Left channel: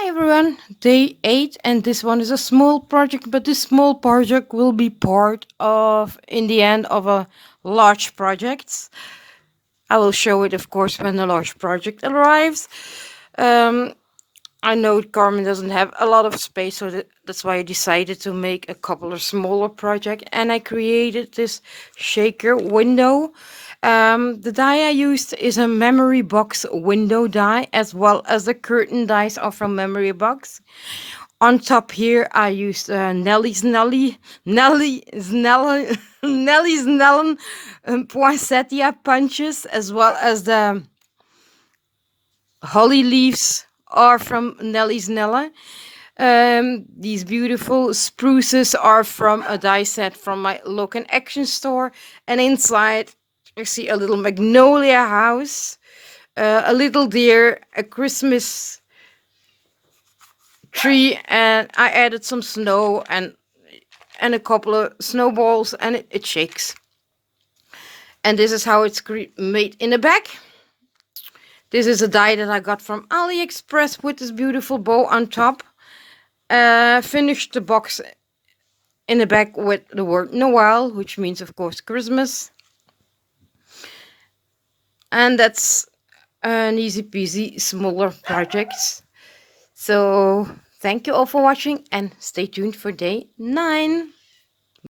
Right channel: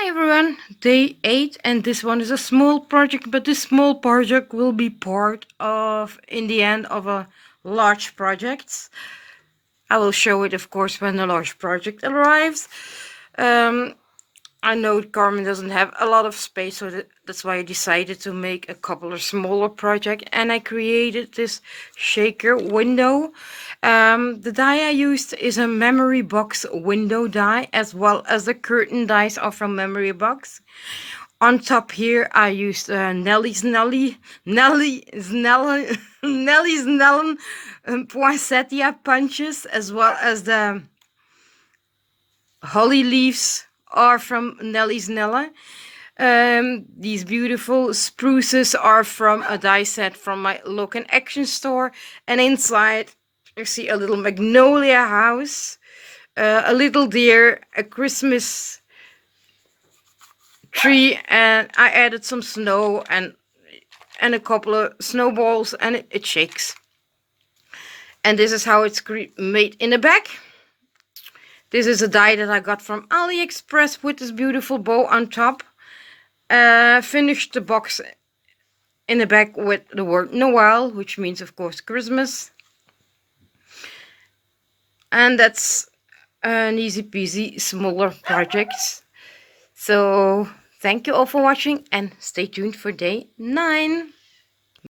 Hi everyone, day 8, and this one is a small project, but this small project will be part of, in the end, of a large project. I will show it, of course, when the large project arrives. Um, I know Carmen doesn't have a lot of space, so that's why I decided to make a couple of smaller projects, and I created this shaker window. The die I used is a memory box window die, as well as the curtain dies are from memory box. On top here, I used Nelly's Nellen poinsettia punches, as well as the holly leaves are from Nelly's Nella. These beautiful spruces are from a die set from my local action store. And inside, you see a little magnolia house, a little deer, a Christmas tree, and I added some snow and a couple of snowballs, and it shakes. And this is how it's made in the back. This is a die that I got from AliExpress with this beautiful bow on top. Finished the box in the back with the word Noel, which means, of course, Christmas. And that's an easy peasy smaller project. So thank you all for watching, and stay tuned for day 9.